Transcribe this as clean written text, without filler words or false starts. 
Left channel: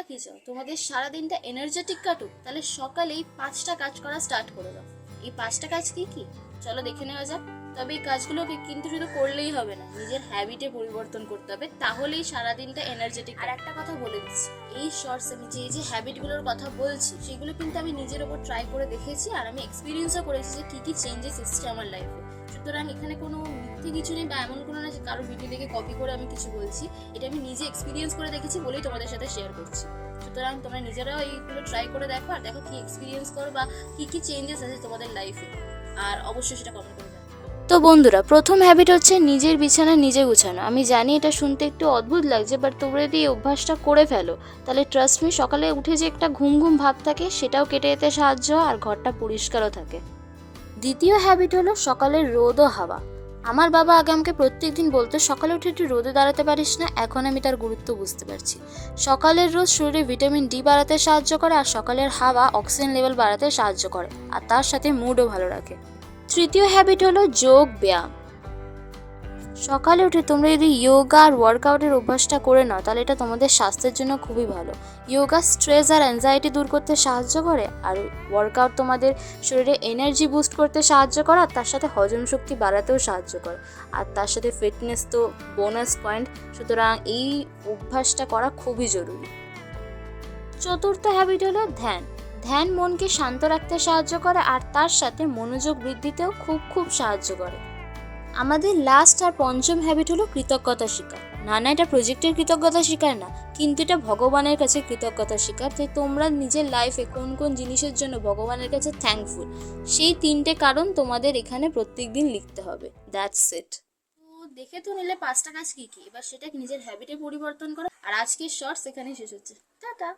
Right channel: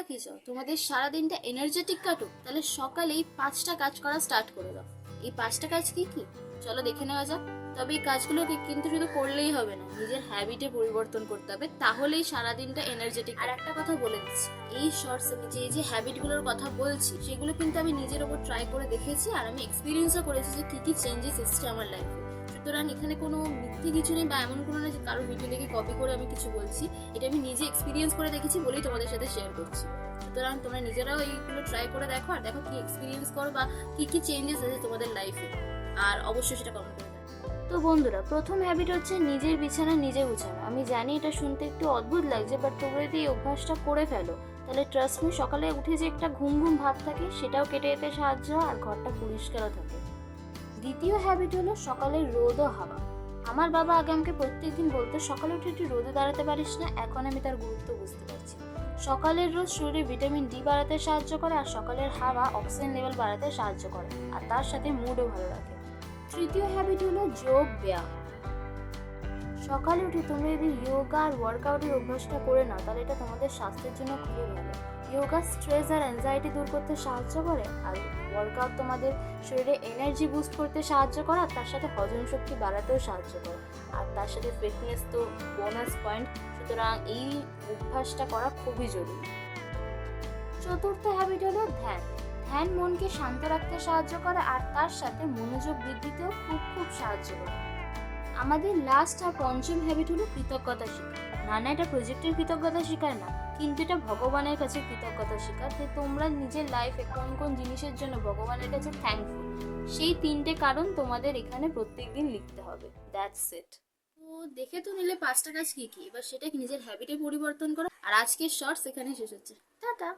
তোমরা কি চাও তোমাদের সারাদিনটা এনার্জেটিক কাটুক? তাহলে সকালেই 5টা কাজ করা স্টার্ট করে দাও। এই 5টা কাজ কি কি চলো দেখে নেওয়া যাক। তবে এই কাজগুলোকে কিন্তু শুধু করলেই হবে না, নিজের হ্যাবিটে পরিবর্তন করতে হবে, তাহলেই সারাদিনটা এনার্জেটিক। আর একটা কথা বলে দিচ্ছি, এই শর্টসে আমি যে হ্যাবিটগুলোর কথা বলছি সেগুলো কিন্তু আমি নিজের ওপর ট্রাই করে দেখেছি, আর আমি এক্সপিরিয়েন্সও করেছি যে কি কি চেঞ্জেস এসেছে আমার লাইফে। সুতরাং এখানে কোনো মিথ্যে কিছু নেই বা এমন কোনো না যে কারো ভিডিও দেখে কপি করে আমি কিছু বলছি। এটা আমি নিজে এক্সপিরিয়েন্স করে দেখেছি বলেই তোমাদের সাথে শেয়ার করছি। সুতরাং তোমরা নিজেরাও এইগুলো ট্রাই করে দেখো আর দেখো কি এক্সপিরিয়েন্স করো বা কি কি চেঞ্জেস আছে তোমাদের লাইফে, আর অবশ্যই সেটা কমেন্ট করে জানাও। তো বন্ধুরা, প্রথম হ্যাবিট হচ্ছে নিজের বিছানা নিজে গুছানো। আমি জানি এটা শুনতে একটু অদ্ভুত লাগছে, বাট তোমরা যদি এই অভ্যাসটা করে ফেলো তাহলে ট্রাস্ট মি, সকালে উঠে যে একটা ঘুম ঘুম ভাব থাকে সেটাও কেটে যেতে সাহায্য হয় আর ঘরটা পরিষ্কারও থাকে। দ্বিতীয় হ্যাবিট হলো সকালের রোদ ও হাওয়া। আমার বাবা আগে আমাকে প্রত্যেকদিন বলতো সকালে উঠে একটু রোদে দাঁড়াতে পারিস না, এখন আমি তার গুরুত্ব বুঝতে পারছি। সকালের রোদ শরীরে ভিটামিন ডি বাড়াতে সাহায্য করে, আর সকালের হাওয়া অক্সিজেন লেভেল বাড়াতে সাহায্য করে, আর তার সাথে মুডও ভালো রাখে। তৃতীয় হ্যাবিট হলো যোগ ব্যায়াম। সকালে উঠে তোমরা যদি যোগা আর ওয়ার্কআউটের অভ্যাসটা করে নাও তাহলে এটা তোমাদের স্বাস্থ্যের জন্য খুবই ভালো। যোগা স্ট্রেস আর অ্যাংজাইটি দূর করতে সাহায্য করে, আর ওয়ার্কআউট তোমাদের শরীরে এনার্জি বুস্ট করতে সাহায্য করে, আর তার সাথে হজম শক্তি বাড়াতেও সাহায্য করে, আর তার সাথে ফিটনেস তো বোনাস পয়েন্ট। সুতরাং এই অভ্যাসটা করা খুবই জরুরি। চতুর্থ হ্যাবিট হলো ধ্যান। ধ্যান মনকে শান্ত রাখতে সাহায্য করে, আর তার সাথে মনোযোগ বৃদ্ধিতেও খুব সাহায্য করে। আমাদের লাস্ট আর পঞ্চম হ্যাবিট হলো কৃতজ্ঞতা স্বীকার। না এটা প্রজেক্টের কৃতজ্ঞতা স্বীকার না, কিন্তু এটা ভগবানের কাছে কৃতজ্ঞতা স্বীকার। যে তোমরা নিজের লাইফে কোন কোন জিনিসের জন্য ভগবানের কাছে থ্যাঙ্কফুল, সেই 3টে কারণ তোমাদের এখানে প্রত্যেকদিন লিখতে হবে। That's it. তো দেখে তো নিলে 5টা কাজ কি কি, এবার সেটা নিজের হ্যাবিটে পরিবর্তন করো। আর আজকের শর্টস এখানেই শেষ হচ্ছে। টাটা।